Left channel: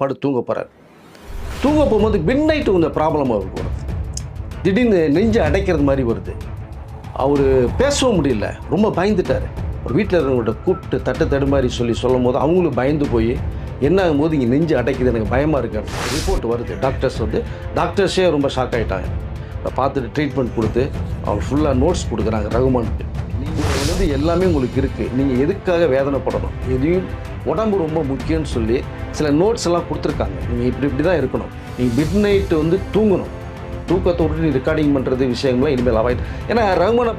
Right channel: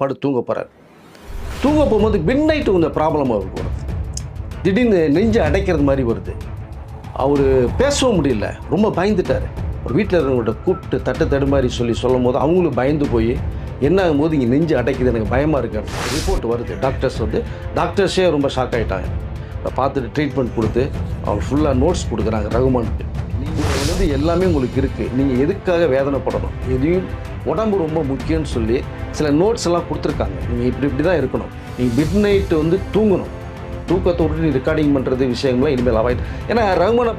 படு தூங்க போகிறார் தூங்க போகும்போது மிட் நைட்டு கொஞ்சம் ப்ராப்ளம் அவருக்கு வருது திடீர்னு நெஞ்சு அடைக்கிறது மாதிரி வருது. அவர் பேசவும் முடியல. ரொம்ப பயந்துட்டார். ஒரு வீட்டில் இருக்கிறவங்கள்ட்ட கூப்பிட்டு தட்டு தடு மாதிரி சொல்லி சொல்லும் போது அவங்களும் பயந்து போய் என்ன ஆகும்போது இங்கே நெஞ்சு அடைக்குது எனக்கு பயமாக இருக்கு ரிப்போர்ட் வருது. டாக்டர்ஸ் வந்து டாக்டர்ஸே ரொம்ப ஷாக் ஆகிட்டாங்க பார்த்துட்டு ட்ரீட்மெண்ட் கொடுத்து அவங்க ஃபுல்லாக நோட்ஸ் கொடுக்குறாங்க ரகுமானுக்கு. நீங்கள் வந்து எல்லாமே உங்களுக்கு இருக்குது நீங்கள் எதுக்காக வேதனைப்படணும்? எதையும் உடம்பு ரொம்ப முக்கியம்னு சொல்லி சில நோட்ஸ் எல்லாம் கொடுத்துருக்காங்க. நீங்கள் இப்படி இப்படி தான் இருக்கணும். நீங்கள் மிட் நைட்டு வந்து தூங்கணும். தூக்கத்தை விட்டு நீ ரெக்கார்டிங் பண்ணுறது விஷயங்கள்லாம் இனிமேல் அவாய்ட் ஏன்னா ரகுமான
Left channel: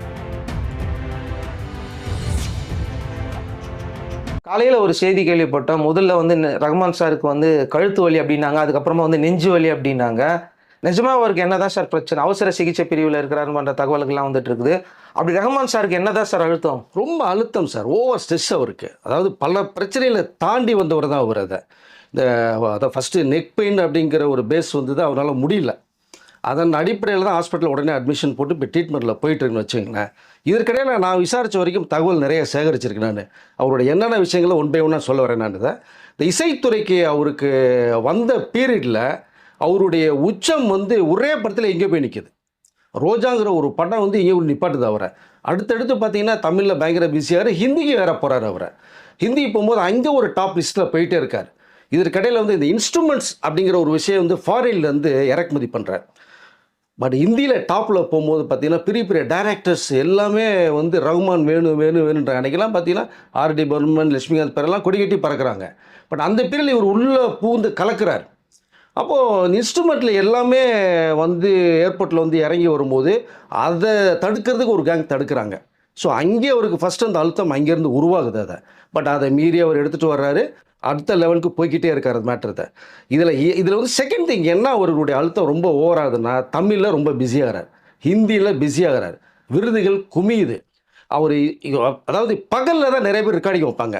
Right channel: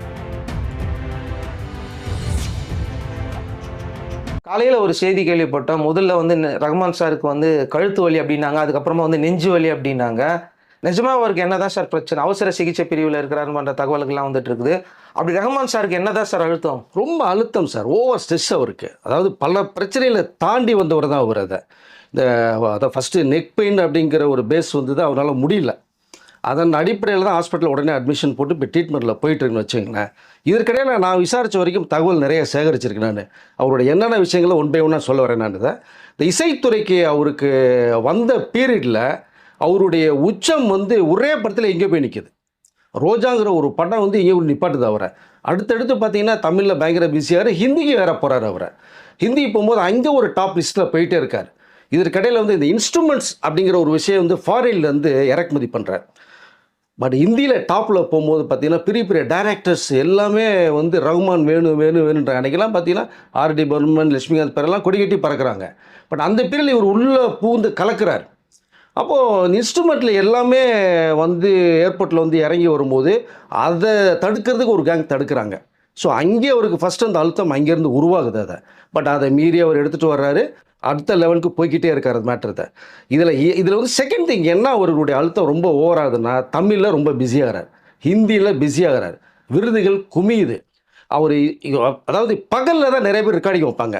காலையில் ஒரு செய்தி கேள்விப்பட்டோம். முதல்ல வந்து ந- ரஹ்மான் சாருக்கு வந்து கழுத்து வலி அப்படின்னாங்க. அதுக்கப்புறமா வந்து நெஞ்சு வலி அப்படின்னாங்க. நிஜமா அவருக்கு என்னதான் சார் பிரச்சனை? அவசர சிகிச்சை பிரிவில் இருக்கிறாருன்ற தகவல்கள்லாம் வந்துட்டு இருக்குது அப்படி ரஹ்மான் சாருக்கு என்னதான் சார் அழுத்தம்? ரொம்ப அழுத்தம் சார். ஓவர் ஸ்ட்ரெஸ் அவருக்கு. அதாவது பல பிரச்சனைகளை தாண்டி வந்தவர் தான் அவர் அதை. இந்த அதை ஃபஸ்ட்டு நெக் பெயின் அப்படிங்கிற ஒரு பேஸ் வந்து தான் அவரால் முடியல. அதன் அடிப்படையில் தான் ஹாஸ்பிட்டலில் உடனே அட்மிஷன் போட்டு இப்போ ட்ரீட்மெண்ட்டில் போயிட்டுருக்குன்னு வச்சுங்களேன் இதற்கிடையில் நான் விசாரித்த வரைக்கும் தகவல் நிறைய சேகரிச்சிருக்கேன் நான். அவரோட என்னென்ன விஷயங்களை ஒன் பை ஒன்னாக சொல்ல வரேன் நான் இதை. இந்த இசைத்துறைக்கு அவருக்கு வந்த பீரியடில் அவருடைய உச்சம் வந்து ஒரே படத்தில் எங்கே போய் நிற்கிது ரோஜாங்கிற ஒரு படம் வந்து இங்கே நிப்பாட்டுது அவரை. அடுத்தடுத்து பார்த்தீங்கன்னா தமிழில் பயங்கர பிஸியார் ஹிந்திக்கு வேற போகிறார் அவரை. ஹிந்தி போகும்போது அங்கே ஒரு டாப் லிஸ்ட்டில் போயிட்டே இருக்கார். இதற்கிடையில் வந்து இந்த இன்ஸ்ட்ருமெண்ட்ஸ் அப்படிங்கிற ஒரு விஷயம் வந்து ஃபாரின்லேருந்து இறக்குமதி பண்ணுறார் பட் ஹிந்தியில் டாப்பில் போகும்போது பார்த்தீங்கன்னா பெரிய பெரிய டைரக்டர்ஸ் எல்லாமே வந்து ரகுமான் வேணும் வேணும் வேணுன்ற அன்றைக்கெல்லாம் பார்த்தீங்கன்னா ஆர்டி பர்மன் லட்சுமிகாந்த் பேரெல்லாம் கொடி கட்டி பறக்கிறாங்க. பட் அந்த பேரில் இவர் உள்ளே பூந்து கலக்கிறார். அப்போது இன்ஸ்ட்ருமெண்ட்டில் எல்லாமே வந்து ஏர்போர்ட்டில் வந்து இறங்கி வரும்போது அதை தடுக்கிறதுக்கு ஒரு கேங் தடுக்கிறாங்க. ஸோ அங்கே அவருக்கு ஃபஸ்ட்டு அந்த அழுத்தம் அங்கேருந்து உருவாகுது அதை. பட் அதை மீறி அவர் எடுத்துகிட்டு வர்றாரு. அடுத்த லெவலுக்கு போய்க்கிட்டே இருக்கார் அது மேட்ரத்தை இதில் இதில் வந்து செகண்ட் திங் என்ன அவர்களுடைய அழுத்தம் ரொம்ப ஓவராகுதுன்னா தமிழில் ரொம்ப பிஸியாகிறார் ஹிந்தியில் பிஸியாகிறார் விருதுகள் குமியுது. அவர் அதாவது பகலில் தான் நிறைய பேர் ரெக்கார்டிங் வைப்பாங்க.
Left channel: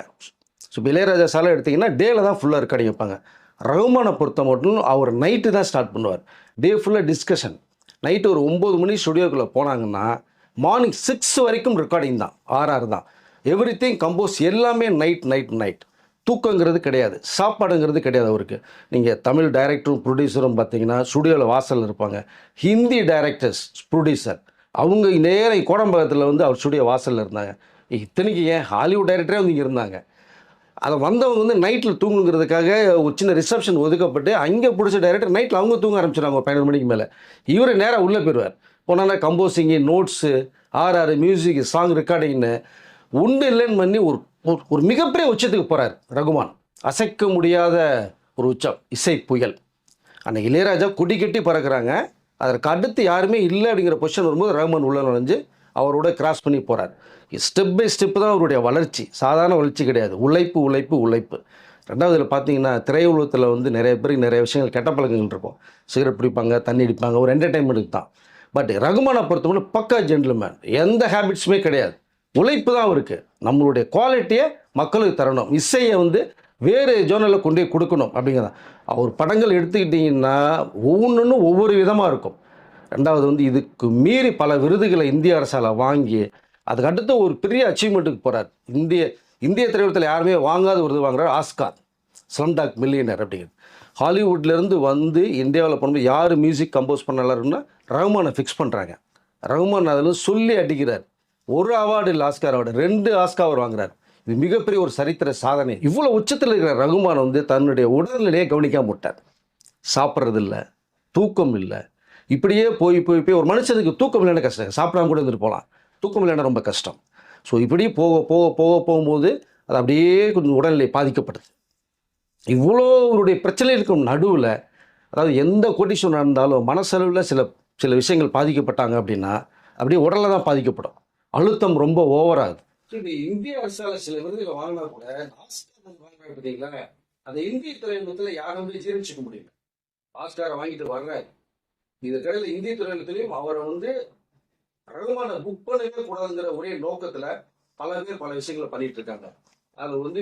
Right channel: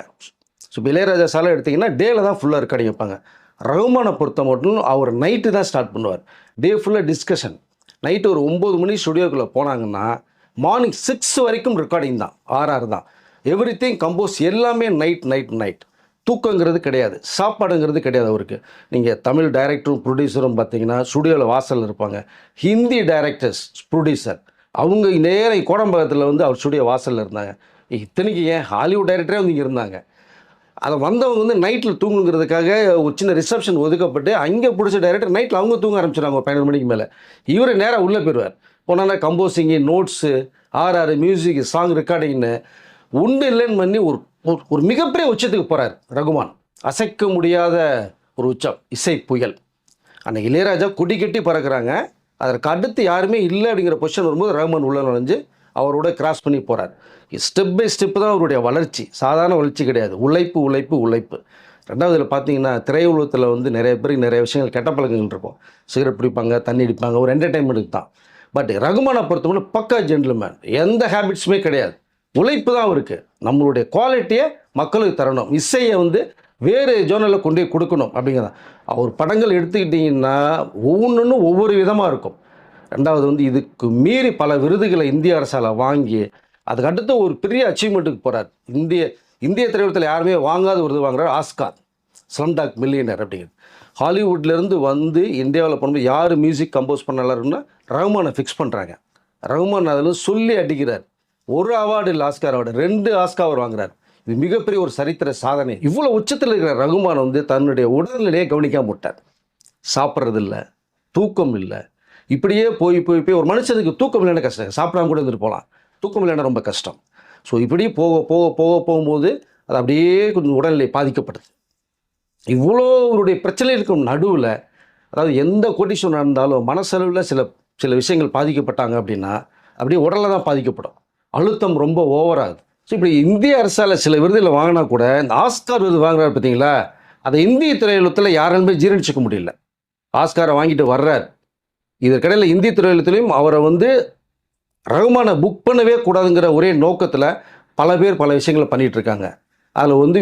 ஸோ இளையராஜா சாலை எடுத்திங்கன்னா டேல தான் ஃபுல்லாக ரெக்கார்டிங் வைப்பாங்க. ரகுமானை பொறுத்த மட்டும் அவர் நைட்டு தான் ஸ்டார்ட் பண்ணுவார். டே ஃபுல்லாக டிஸ்கஷன் நைட்டு ஒரு ஒம்பது மணி ஸ்டுடியோக்குள்ளே போனாங்கன்னா மார்னிங் சிக்ஸ் வரைக்கும் ரெக்கார்டிங் தான் ஆர்ஆர் தான். எவ்ரி திங் கம்போஸ் எல்லாமே நைட் நைட் நைட் தூக்கங்கிறது கிடையாது சாப்பாடுங்கிறது கிடையாது அவருக்கு. நீங்கள் தமிழ் டைரக்டரும் ப்ரொடியூசரும் பார்த்தீங்கன்னா ஸ்டுடியோவில் வாசலில் இருப்பாங்க. ஹிந்தி டைரக்டர்ஸ் ப்ரொடியூசர் அவங்க நேரம் கோடம்பாக்கத்தில் வந்து அவர் ஸ்டுடியோ வாசலில் இருந்தாங்க. இத்தனைக்கு ஏன் ஹாலிவுட் டைரக்டரே வந்து இங்கே இருந்தாங்க? அதை வந்தவங்க வந்து நைட்டில் தூங்குங்கிறதுக்காக ஒரு சின்ன ரிசப்ஷன் ஒதுக்கப்பட்டு அங்கே பிடிச்ச டைரக்டர் நைட்டில் அவங்க தூங்க ஆரம்பிச்சிடுவாங்க ஒரு பன்னெண்டு மணிக்கு மேலே. இவர் நேராக உள்ளே போயிடுவார். போனால் composing notes RR music song ரெக்கார்டிங்னு ஒன்று இல்லைன்னு பண்ணி ஒரு ஒரு- மிகப்பெரிய உச்சத்துக்கு போகிறார் ரகுமான். அசைக்க முடியாத ஒரு உச்சம் இசை புயல். அந்த இளையராஜா கொடி கட்டி பறக்குறாங்க. அதற்கு அடுத்து யாருமே இல்லை அப்படிங்கிற பொசிஷன் வரும்போது ரகுமான் உள்ள நுழைஞ்சு அவரோட கிராஸ் பண்ணி போகிறார் ஸ்டெப் பை ஸ்டெப் தான் அவருடைய வளர்ச்சி. சாதாரண வளர்ச்சி கிடையாது. உழைப்பு உழைப்பு உழைப்பு. ரெண்டாவது இதில் பார்த்தீங்கன்னா திரையுலகத்தில் வந்து நிறைய பேருக்கு நிறைய விஷயங்கள் கெட்ட பழக்கங்கள் இருக்கும் சிகரெட் பிடிப்பாங்க தண்ணி அடிப்பாங்க ஒரு என்டர்டைன்மெண்ட்டுக்கு தான். பட் ரகுமானை பொறுத்தவரை பக்கா ஜென்டில்மேன் எந்த ஹேபிட்ஸுமே கிடையாது. உழைப்பு தான் அவருக்கு. நம்மளுடைய குவாலிட்டியை மக்களுக்கு தரணும். இசையை வந்து வேறு ஜோனலில் கொண்டு போய் கொடுக்கணும் அப்படிங்கிறதான். அவர் படங்கள் எடுத்துக்கிட்டிங்கன்னா ஒவ்வொன்றுன்னு ஒவ்வொரு விதமாக இருக்கும். ரெண்டாவது வந்து இதுக்கு மீறி பல விருதுகளை இந்திய அரசால் வாங்கி அதுக்கு அடுத்து ஒரு பெரிய அச்சீவ்மெண்ட்டுக்கு போகிறார் இந்திய இந்திய திரைப்படத்தில் யாருமே வாங்காத விருது வாங்குறார் ஆஸ்கார் ஸ்லம்டாக் மில்லியனர் அப்படிங்கிறது ஹாலிவுட்லேருந்து வந்து இந்தியாவில் பண்ணும்போது யார் மியூசிக் கம்போஸ் பண்ணலாருன்னா ரகுமானை ரஹ்மானை ஃபிக்ஸ் பண்ணுறாங்க ரஹ்மான் அதில் சொல்லி அடிக்கிறார். ஒரு அவார்டு இல்லை ஆஸ்கார் அவார்டு ரெண்டு ஆஸ்கார் அவர் வாங்குறார். இது மிகப்பெரிய ஒரு சரித்திர சாதனை. இவ்வளோ உச்சத்தில் இருக்கிற ரகுமான் வந்து தன்னுடைய உடல்நிலையை கவனிக்காம விட்டார். சாப்பிட்றதில்ல தூக்கம் இல்லை இப்படியே போய் போய் போய் ஒரு மனுஷனுக்கு தூக்கம் இல்லைன்னா கஷ்டம். சாப்பிடாம கூட இருந்துட்டு போகலாம். தூக்கம் இல்லைன்னா ரொம்ப கஷ்டம். ஸோ இப்படி போக போக போக போகும்போது அது அப்படியே கொஞ்சம் உடல்நிலை பாதிக்கப்படுது. இவ்வளோ அவருடைய பிரச்சனைகளுக்கும் நடுவில் அதாவது எந்த கோட்டீஸ்வரன் நடந்தாலும் மனசளவில் சில சில விஷயங்கள் பாதிக்கப்பட்டாங்க அப்படின்னா அப்படியே உடலில் தான் பாதிக்கப்படும். அழுத்தம் ரொம்ப ஓவராகுது ஸோ இப்படி இந்திய அரசால் சில விருதுகளை வாங்கினா கூட இந்த ஆஸ்கார் விருது வாங்குறாரு பார்த்தீங்களா? அதை இந்திய திரையுலகத்தில் யாராலுமே ஜீரணிச்சிக்க முடியல. ஆஸ்காரை வாங்கிட்டு வர்றார். இதற்கிடையில் இந்திய திரையுலகத்திலையும் அவரை வந்து ரகுமானை புக் பண்ணவே கூடாதுங்கிற ஒரே நோக்கத்தில் பல பேர் பல விஷயங்களை பண்ணிகிட்ருக்காங்க இருக்காங்க. அதில் வந்து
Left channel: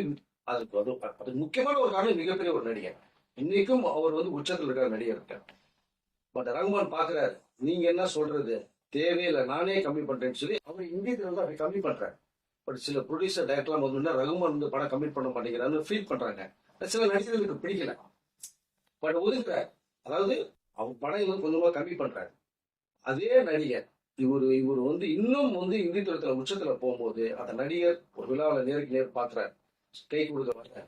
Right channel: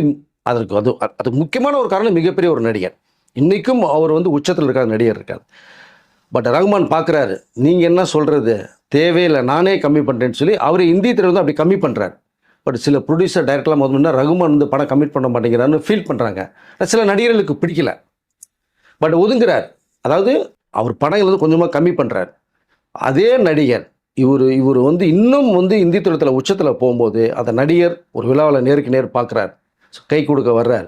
அதற்கு அது அதுக்கு முக்கியமான ஒரு காரணம் மிகப்பெரிய ஒரு நடிகர். இன்றைக்கும் அவர் வந்து உச்சத்தில் இருக்கார் நடிகர் இருக்கார். பட் ரகுமான் பார்க்குறாரு நீங்கள் என்ன சொல்கிறது தேவையில்லை நானே கம்மி பண்ணுறேன்னு சொல்லி அவர் இந்திய திரை வந்து அப்படி கம்மி பண்ணுறாரு பட் சில ப்ரொடியூசர் டைரக்டர்லாம் முதல்ல ரகுமான் வந்து படம் கமிட் பண்ண மாட்டேங்கிறான்னு ஃபீல் பண்ணுறாங்க சில நடிகர்களுக்கு பிடிக்கல. பட் ஒதுங்குறார். அதாவது அவர் படங்கள் வந்து கொஞ்சமாக கம்மி பண்ணுறார் அதே நடிகர் இவர் இவர் வந்து இன்னும் வந்து இந்தி துறைத்தில் உச்சத்தில் போகும்போது அந்த நடிகர் ஒரு விழாவில் நேருக்கு நேர் பார்க்குறார் கை கொடுக்க வர்றார்.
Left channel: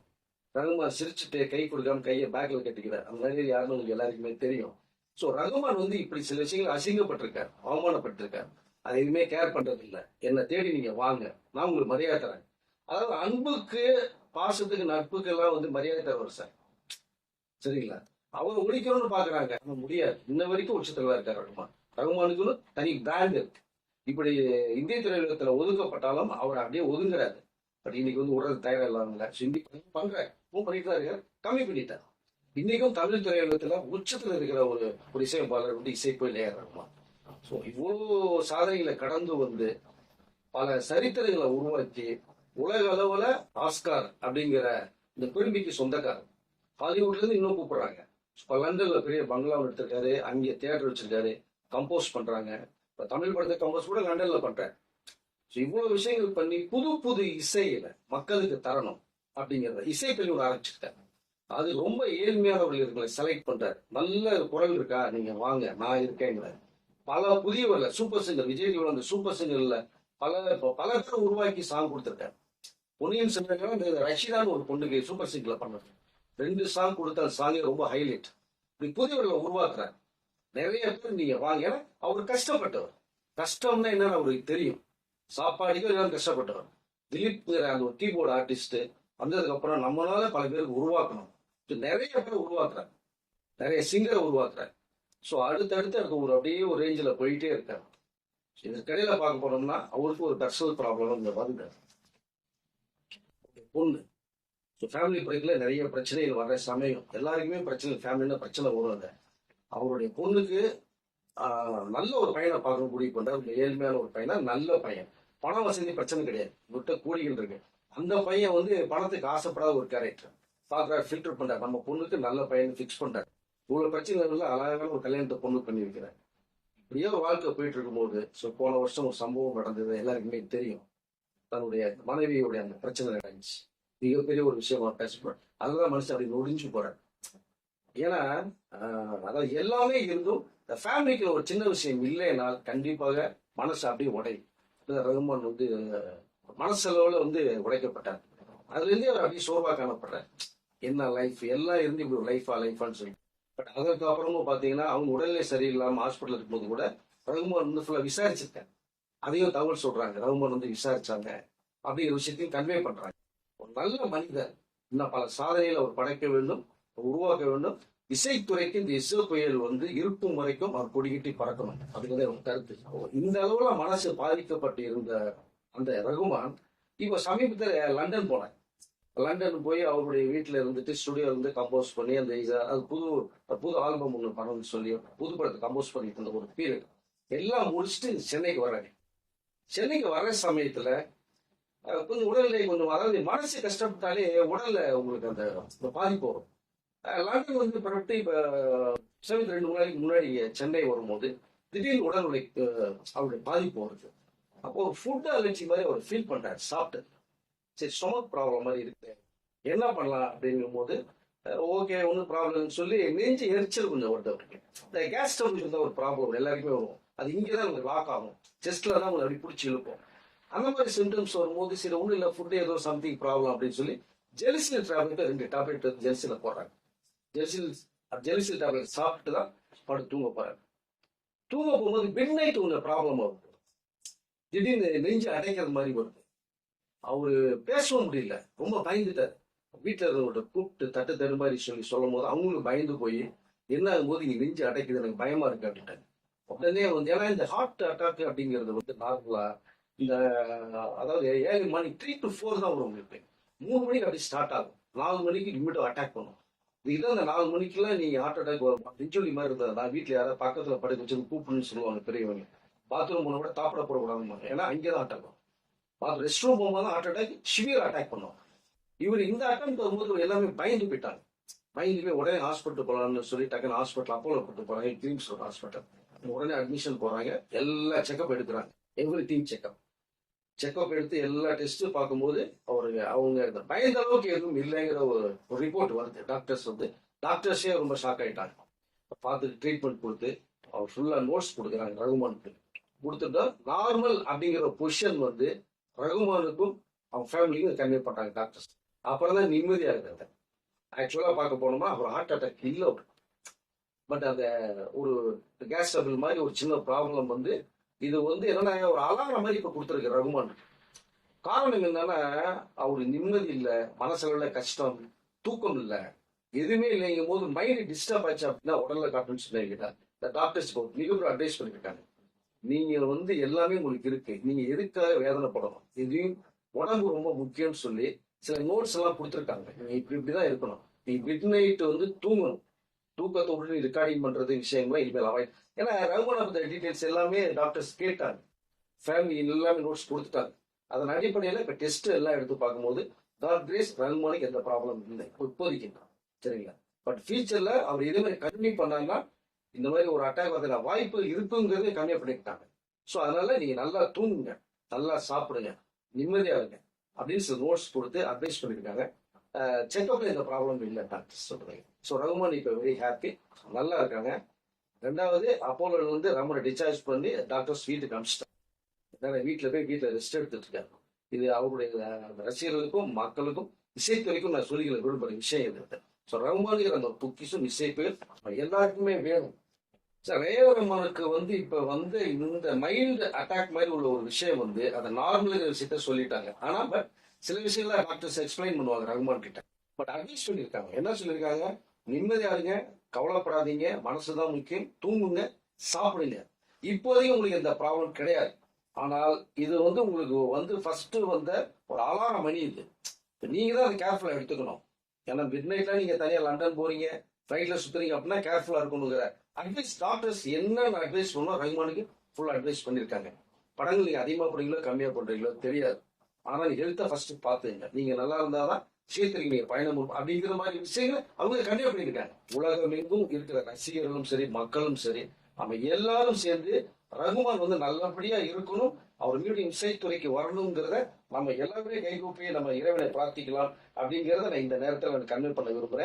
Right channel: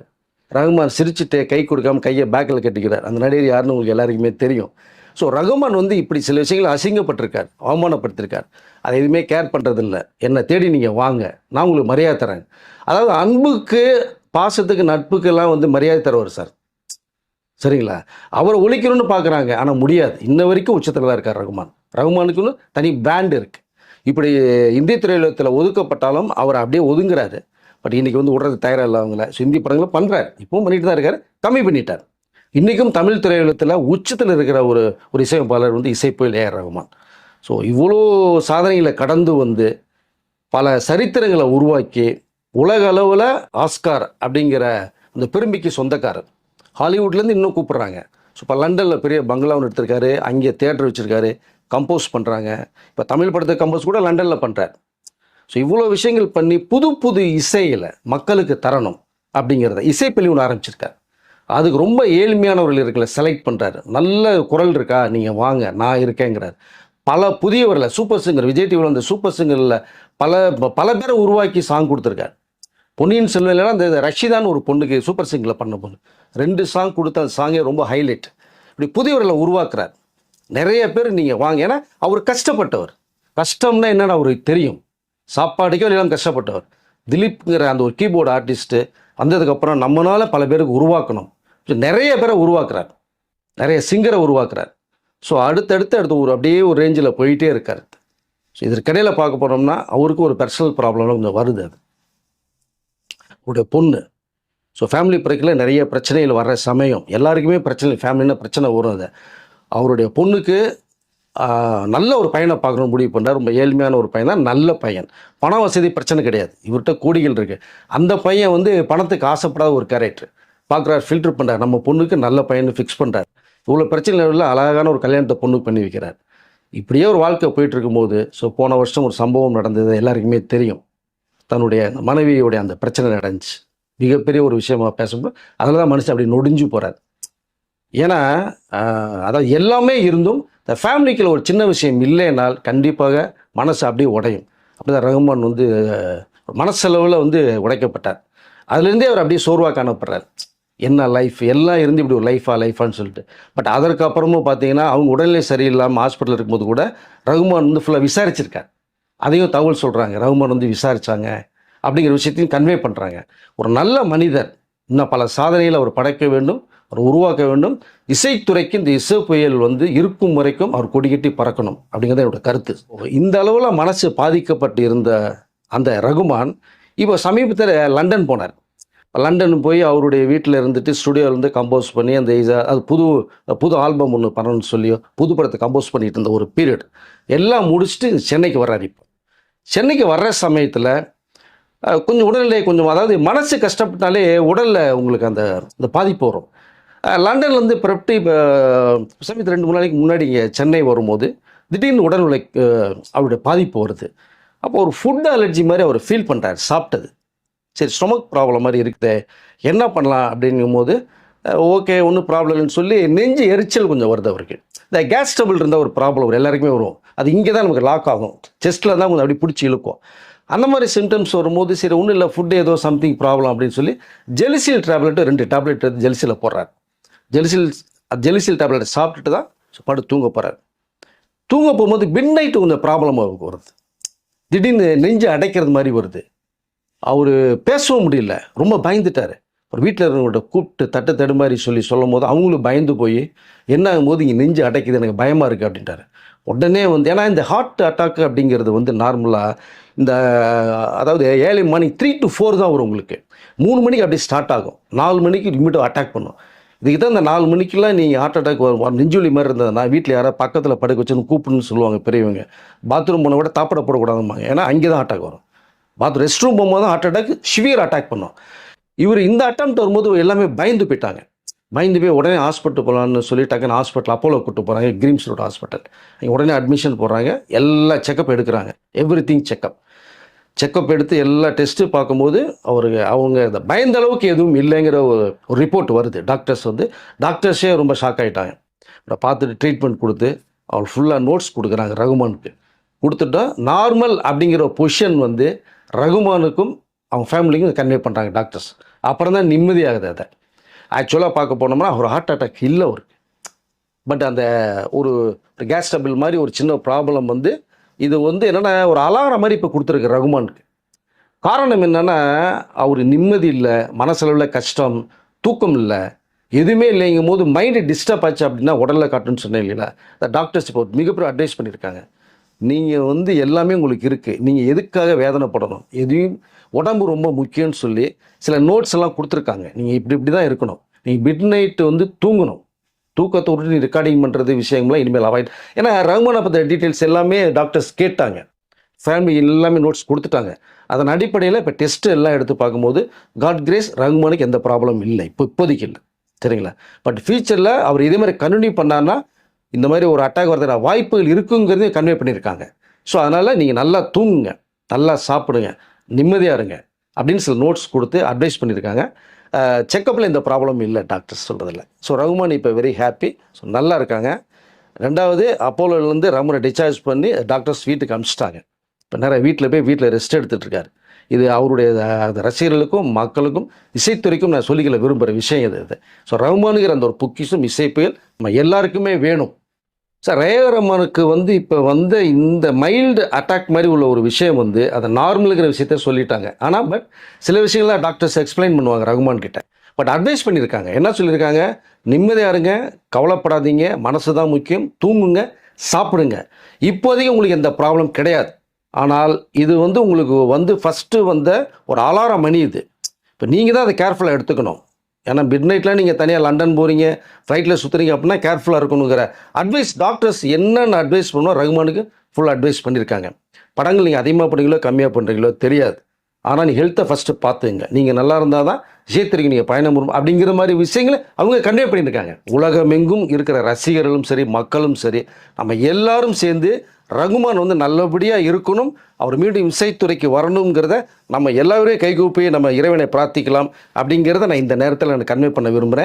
ரகுமான் சிரிச்சுட்டு கை கொடுக்காம கையை பேக்கில் கட்டிக்கிறார். அந்த நடிகர் யாருன்னு உங்களுக்கு எல்லாருக்குமே தெரியும். ஸோ ரகுமான் வந்து இப்படி சில விஷயங்களை அசிங்கப்பட்டிருக்கார் அவமானப்படுத்திருக்கார். அதை எதுவுமே கேர் பண்ணுறதில்ல என்னை தேடி நீங்கள் வாங்க. நான் உங்களுக்கு மரியாதை தரேன். அதாவது அன்புக்கு பாசத்துக்கு நட்புக்கெல்லாம் வந்து மரியாதை தருவார் சார். சரிங்களா? அவரை ஒழிக்கணும்னு பார்க்குறாங்க ஆனால் முடியாது. இன்ன வரைக்கும் உச்சத்தில் தான் இருக்கார் ரகுமான். ரகுமானுக்குன்னு தனி பிராண்ட் இருக்குது இப்படி இந்திய திரையுலகத்தில் ஒதுக்கப்பட்டாலும் அவர் அப்படியே ஒதுங்குறாரு. பட் இன்றைக்கி வந்து விடுறது தயாராக இல்லை அவங்கள. ஸோ படங்களை பண்ணுறாரு இப்பவும் பண்ணிட்டு தான் இருக்கார். கம்மி பண்ணிட்டார். இன்றைக்கும் தமிழ் திரையுலகத்தில் உச்சத்தில் இருக்கிற ஒரு ஒரு இசையமைப்பாளர் வந்து இசைப்புயல் ஏஆர் ரகுமான். ஸோ இவ்வளோ சாதனைகளை கடந்து வந்து பல சரித்திரங்களை உருவாக்கி உலக அளவில் ஆஸ்கார் அப்படிங்கிற அந்த பெருமைக்கு சொந்தக்காரர். ஹாலிவுட்லேருந்து இன்னும் கூப்பிட்றாங்க. ஸோ இப்போ லண்டனில் பெரிய பங்களா ஒன்று எடுத்திருக்காரு. அங்கே தேட்டர் வச்சுருக்காரு. கம்போஸ் பண்ணுறாங்க இப்போ தமிழ் படத்தை கம்போஸ் கூட லண்டனில் பண்ணுறாரு ஸோ இவ்வளோ விஷயங்கள் பண்ணி புது புது இசையில் மக்களுக்கு தரணும் அப்படிங்கிறத இசைப்பள்ளி ஒன்று ஆரம்பிச்சிருக்காரு. அதுக்கு ரொம்ப ஏழ்மையானவர்கள் இருக்கல செலக்ட் பண்ணுறாரு நல்ல குரல் இருக்கா? நீங்கள் வாங்க நான் இருக்கேங்கிறார். பல புதியவர்களை சூப்பர் சிங்கர் விஜய் டிவியில் வந்து சூப்பர் சிங்கரில் பல பல பேரை உருவாக்கி சாங் கொடுத்துருக்காரு. பொன்னியின் செல்வன்லாம் அந்த ரஷிதான் ஒரு பொண்ணுக்கு சூப்பர் சிங்கரில் பண்ண பொண்ணு. ரெண்டு சாங் கொடுத்த அந்த சாங்கே ரொம்ப ஹைலைட் இப்படி புதியவர்களை உருவாக்குறார். நிறைய பேர் நீங்கள் வாங்க ஏன்னா அவர் கஷ்டப்பட்டவர். கஷ்டம்னா என்னென்ன அவருக்கு தெரியும். சாப்பாடுக்கே எல்லாம் கஷ்டப்பட்டவர். திலீப்ங்கிற அந்த ஒரு கீபோர்டு ஆர்டிஸ்ட்டு வந்ததுக்கப்புறம் நம்மளால் பல பேருக்கு உருவாக்கணும். நிறைய பேரை உருவாக்குறார். நிறைய சிங்கரை உருவாக்குறார். ஸோ அடுத்தடுத்து அடுத்து ஒரு அப்படியே ஒரு ரேஞ்சில் போயிட்டே இருக்கார். ஸோ இதற்கிடையில் பார்க்க போனோம்னா அவருக்கு ஒரு பர்சனல் ப்ராப்ளம்லாம் கொஞ்சம் வருது அது. அவருடைய பொண்ணு. ஸோ ஃபேமிலி பிரேக்கில் நிறைய பிரச்சனைகள் வர்ற சமயம் எல்லாருக்குமே பிரச்சனை ஃபேமிலினா பிரச்சனை வரும் அது. அவருடைய பொண்ணுக்கு நல்ல ஒரு பையனை பார்க்கணும் முடிவு பண்ணார் ரொம்ப ஏழ்மையான ஒரு பையன் தான் நல்ல பையன். பண வசதி பிரச்சனை கிடையாது. இவர்கிட்ட கோடிகள் இருக்குது அந்த பையன் வந்து பணத்துக்கு ஆசைப்படாத ஒரு கேரக்டர் பார்க்குறாரு ஃபில்டர் பண்ணுறார் நம்ம பொண்ணுக்கு நல்ல பையனை ஃபிக்ஸ் பண்ணுறார் இவ்வளோ பிரச்சனை இல்லை அழகான ஒரு கல்யாணத்தை பொண்ணுக்கு பண்ணி வைக்கிறார். இப்படியே ஒரு வாழ்க்கை போயிட்டு இருக்கும்போது ஸோ போன வருஷம் ஒரு சம்பவம் நடந்தது எல்லாருக்குமே தெரியும். தன்னுடைய மனைவியுடைய அந்த பிரச்சனை நடந்துச்சு. மிகப்பெரிய ஒரு விஷயமா பேசும்போது அதில் தான் மனுஷன் அப்படி நொடிஞ்சு போகிறார் ஏன்னா அதாவது எல்லாமே இருந்தும் இந்த ஃபேமிலிக்குள்ள ஒரு சின்ன விஷயம் இல்லைனால் கண்டிப்பாக மனசு அப்படியே உடையும். அப்படி தான் ரகுமான் வந்து அஹ், மனசளவில் வந்து உடைக்கப்பட்டார். அதுலேருந்தே அவர் அப்படியே சோர்வாக காணப்படுறார். என்ன லைஃப் எல்லாம் இருந்து இப்படி ஒரு லைஃபா லைஃபான்னு சொல்லிட்டு. பட் அதற்கப்புறமும் பார்த்தீங்கன்னா அவங்க உடல்நிலை சரியில்லாமல் ஹாஸ்பிட்டல் இருக்கும்போது கூட ரகுமான் வந்து ஃபுல்லாக விசாரிச்சிருக்கார். அதையும் தகவல் சொல்கிறாங்க ரகுமான் வந்து விசாரித்தாங்க அப்படிங்கிற விஷயத்தையும் கன்வே பண்ணுறாங்க ஒரு நல்ல மனிதர் இன்னும் பல சாதனைகளை அவர் படைக்க வேண்டும் அவர் உருவாக்க வேண்டும். இசைத்துறைக்கு இந்த இசை புயல் வந்து இருக்கும் வரைக்கும் அவர் கொடிக்கட்டி பறக்கணும் அப்படிங்கிறது என்னோட கருத்து. இந்த அளவில் மனசு பாதிக்கப்பட்டு இருந்த அந்த ரகுமான் இப்போ சமீபத்தில் லண்டன் போனார். லண்டன் போய் அவருடைய வீட்டில் இருந்துட்டு ஸ்டுடியோவில் இருந்து கம்போஸ் பண்ணி அந்த இதை அது புது புது ஆல்பம் ஒன்று பண்ணணும்னு சொல்லியோ புது படத்தை கம்போஸ் பண்ணிட்டு இருந்த ஒரு பீரியட் எல்லாம் முடிச்சுட்டு சென்னைக்கு வர்றாரு இப்போ. சென்னைக்கு வர்ற சமயத்தில் கொஞ்சம் உடல்நிலை கொஞ்சம் அதாவது மனசு கஷ்டப்பட்டாலே உடலில் உங்களுக்கு அந்த அந்த பாதிப்பு வரும். லண்டன்லேருந்து பிறப்பி இப்போ சமயத்து ரெண்டு மூணு நாளைக்கு முன்னாடி இங்கே சென்னை வரும்போது திடீர்னு உடல்நிலை அவருடைய பாதிப்பு வருது. அப்போ ஒரு ஃபுட் அலர்ஜி மாதிரி அவர் ஃபீல் பண்ணுறாரு சாப்பிட்டது. சரி ஸ்டொமக் ப்ராப்ளம் மாதிரி இருக்குது என்ன பண்ணலாம் அப்படிங்கும்போது ஓகே ஒன்றும் ப்ராப்ளம் இல்லைன்னு சொல்லி நெஞ்சு எரிச்சல் கொஞ்சம் வருது அவருக்கு. இந்த கேஸ் டபுள் இருந்தால் ஒரு ப்ராப்ளம் வரும் எல்லாருக்குமே வரும். அது இங்கே தான் நமக்கு லாக் ஆகும். செஸ்ட்டில் தான் கொஞ்சம் அப்படி பிடிச்சி இழுக்கும். அந்த மாதிரி சிம்டம்ஸ் வரும்போது சரி ஒன்றும் இல்லை ஃபுட்டு ஏதோ சம்திங் ப்ராப்ளம் அப்படின்னு சொல்லி ஜெலிசில் டேப்லெட்டு ரெண்டு டேப்லெட் எடுத்து ஜெலிசில் போடுறாரு. ஜெலிசில் ஜெலிசில் டேப்லெட் சாப்பிட்டுட்டு தான் படு தூங்க போகிறார் தூங்க போகும்போது மிட் நைட்டு கொஞ்சம் ப்ராப்ளம் வருது. திடீர்னு நெஞ்சு அடைக்கிறது மாதிரி வருது. அவர் பேசவும் முடியல. ரொம்ப பயந்துட்டார். ஒரு வீட்டில் இருக்கிறவங்கள்ட்ட கூப்பிட்டு தட்டு தடு மாதிரி சொல்லி சொல்லும் போது அவங்களும் பயந்து போய் என்ன ஆகும்போது இங்கே நெஞ்சு அடைக்குது எனக்கு பயமாக இருக்குது அப்படின்ட்டாரு. உடனே வந்து ஏன்னா இந்த ஹார்ட் அட்டாக் அப்படிங்கிறது வந்து நார்மலாக இந்த அதாவது ஏழு மணி த்ரீ டு ஃபோர் தான் வரும் உங்களுக்கு. மூணு மணிக்கு அப்படியே ஸ்டார்ட் ஆகும். நாலு மணிக்கு இமிடியாக அட்டாக் பண்ணும். இதுக்கு தான் இந்த நாலு மணிக்கெல்லாம் நீங்கள் ஹார்ட் அட்டாக் வரும் நெஞ்சுவலி மாதிரி இருந்ததுன்னா வீட்டில் யாராவது பக்கத்தில் படுக்க வச்சுன்னு கூப்பிடுன்னு சொல்லுவாங்க பெரியவங்க. பாத்ரூம் போன கூட தாப்பட போடக்கூடாதும்பாங்க. ஏன்னா அங்கே தான் அட்டாக் வரும். பாத்ரூம் ரெஸ்ட் ரூம் போகும்போது தான் ஹார்ட் அட்டாக் சிவியர் அட்டாக் பண்ணும். இவர் இந்த அட்டம் வரும்போது எல்லாமே பயந்து போயிட்டாங்க. பயந்து போய் உடனே ஹாஸ்பிட்டல் போகலான்னு சொல்லி டக்குன்னு ஹாஸ்பிட்டல் அப்போலோ கூட்டு போகிறாங்க கிரீம்ஸ் ரோட் ஹாஸ்பிட்டல் உடனே அட்மிஷன் போடுறாங்க. எல்லா செக்கப் எடுக்கிறாங்க. எவ்ரி திங் செக்கப் செக்கப் எடுத்து எல்லா டெஸ்ட்டு பார்க்கும்போது அவருக்கு அவங்க இந்த பயந்த அளவுக்கு எதுவும் இல்லைங்கிற ஒரு ஒரு ரிப்போர்ட் வருது. டாக்டர்ஸ் வந்து டாக்டர்ஸே ரொம்ப ஷாக் ஆகிட்டாங்க அவரை பார்த்துட்டு ட்ரீட்மெண்ட் கொடுத்து அவர் ஃபுல்லாக நோட்ஸ் கொடுக்குறாங்க ரகுமானுக்கு. கொடுத்துட்டா நார்மல் அப்படிங்கிற பொசிஷன் வந்து ரகுமானுக்கும் அவங்க ஃபேமிலிக்கும் கன்வே பண்ணுறாங்க டாக்டர்ஸ். அப்புறம் தான் நிம்மதியாகுது அதை. ஆக்சுவலாக பார்க்க போனோம்னா ஒரு ஹார்ட் அட்டாக் இல்லை அவருக்கு. பட் அந்த ஒரு கேஸ் டபிள் மாதிரி ஒரு சின்ன ப்ராப்ளம் வந்து இது வந்து என்னென்னா ஒரு அலாரம் மாதிரி இப்போ கொடுத்துருக்கு ரகுமானுக்கு. காரணம் என்னென்னா அவர் நிம்மதி இல்லை மனசளவில் கஷ்டம் தூக்கம் இல்லை எதுவுமே இல்லைங்கும் போது மைண்டு டிஸ்டர்ப் ஆச்சு அப்படின்னா உடலில் காட்டுன்னு சொன்னேன் இல்லைங்களா? இந்த டாக்டர்ஸ் இப்போ மிகப்பெரிய அட்வைஸ் பண்ணியிருக்காங்க நீங்கள் வந்து எல்லாமே உங்களுக்கு இருக்குது நீங்கள் எதுக்காக வேதனைப்படணும்? எதையும் உடம்பு ரொம்ப முக்கியம்னு சொல்லி சில நோட்ஸ் எல்லாம் கொடுத்துருக்காங்க. நீங்கள் இப்படி இப்படி தான் இருக்கணும். நீங்கள் மிட் நைட்டு வந்து தூங்கணும். தூக்கத்தை விட்டு ரெக்கார்டிங் பண்ணுறது விஷயங்கள்லாம் இனிமேல் அவாய்ட் ஏன்னா ரகுமானை பற்றின டீட்டெயில்ஸ் எல்லாமே டாக்டர்ஸ் கேட்டாங்க. ஃபேமிலி எல்லாமே நோட்ஸ் கொடுத்துட்டாங்க. அதன் அடிப்படையில் இப்போ டெஸ்ட் எல்லாம் எடுத்து பார்க்கும்போது காட் கிரேஸ் ரகுமானுக்கு எந்த ப்ராப்ளம் இல்லை. இப்போ இப்போதைக்கு இல்லை. சரிங்களா? பட் ஃபியூச்சரில் அவர் இதே மாதிரி கண்டினியூ பண்ணார்னா இந்த மாதிரி ஒரு அட்டாக் வரதுல வாய்ப்புகள் இருக்குங்கிறதையும் கன்வே பண்ணியிருக்காங்க. ஸோ அதனால் நீங்கள் நல்லா தூங்குங்க. நல்லா சாப்பிடுங்க. நிம்மதியாக இருங்க. அப்படின்னு சில நோட்ஸ் கொடுத்து அட்வைஸ் பண்ணியிருக்காங்க. செக்கப்பில் இந்த ப்ராப்ளம் இல்லை டாக்டர்ஸ் சொல்கிறதில்ல ஸோ ரகுமான் இப்போ வெரி ஹாப்பி ஸோ நல்லா இருக்காங்க. ரெண்டாவது அப்போலோலேருந்து ரகுமனை டிஸ்சார்ஜ் பண்ணி டாக்டர்ஸ் வீட்டுக்கு அனுப்பிச்சிட்டாங்க இப்போ நிறைய வீட்டில் போய் வீட்டில் ரெஸ்ட் எடுத்துகிட்ருக்காரு இது அவருடைய ரசிகர்களுக்கும் மக்களுக்கும் இசைத்துறைக்கும் நான் சொல்லிக்கல விரும்புகிற விஷயம் இது இது. ஸோ ரகுமானுங்கிற அந்த ஒரு பொக்கிஷம் இசைப்புயல் நம்ம எல்லாருக்குமே வேணும். சார் ரேவ வந்து இப்போ வந்த இந்த மைல்டு அட்டாக் மாதிரி உள்ள ஒரு விஷயம் வந்து அதை நார்மலுங்கிற விஷயத்த சொல்லிட்டாங்க. ஆனால் பட் சில விஷயங்கள்லாம் டாக்டர்ஸ் எக்ஸ்பிளைன் பண்ணுவாங்க ரகுமான் கிட்ட. பட் அட்வைஸ் பண்ணியிருக்காங்க. என்ன சொல்லியிருக்காங்க? நிம்மதியாக இருங்க கவலைப்படாதீங்க மனசு தான் முக்கியம் தூங்குங்க சாப்பிடுங்க. இப்போதைக்கு உங்களுக்கு எந்த ப்ராப்ளம் கிடையாது. ஆனால் இது வந்து உங்களுக்கு வந்து ஃபஸ்ட்டு வந்த ஒரு அலாரம் மணி இது இப்போ நீங்கள் தான் அதை கேர்ஃபுல்லாக எடுத்துக்கணும். ஏன்னா மிட் நைட்டில் நீங்கள் தனியாக லண்டன் போகிறீங்க ஃப்ளைட்டில் சுற்றுறீங்க அப்படின்னா கேர்ஃபுல்லாக இருக்கணுங்கிற அட்வைஸ் டாக்டர்ஸ் என்னென்ன அட்வைஸ் பண்ணுவோம் ரகுமானுக்கு ஃபுல் அட்வைஸ் பண்ணியிருக்காங்க படங்கள் நீங்கள் அதிகமாக பண்ணுறீங்களோ கம்மியாக பண்ணுறீங்களோ தெரியாது. ஆனால் நீ ஹெல்த்தை ஃபஸ்ட்டு பார்த்துங்க. நீங்கள் நல்லா இருந்தால் தான் விஜயத்திற்கு நீங்கள் பயணம் வரும் அப்படிங்கிற மாதிரி விஷயங்களை அவங்க கன்வே பண்ணியிருக்காங்க உலகமெங்கும் இருக்கிற ரசிகர்களும் சரி மக்களும் சரி நம்ம எல்லாரும் சேர்ந்து ரகுமான் வந்து நல்லபடியாக இருக்கணும் அவர் மீண்டும் இசைத்துறைக்கு வரணுங்கிறத நம்ம எல்லாருமே கைகூப்பி நம்ம இறைவனை பிரார்த்திக்கலாம் அப்படிங்கிறத நான் இந்த நேரத்தில் நான் கன்வே பண்ண விரும்புகிறேன்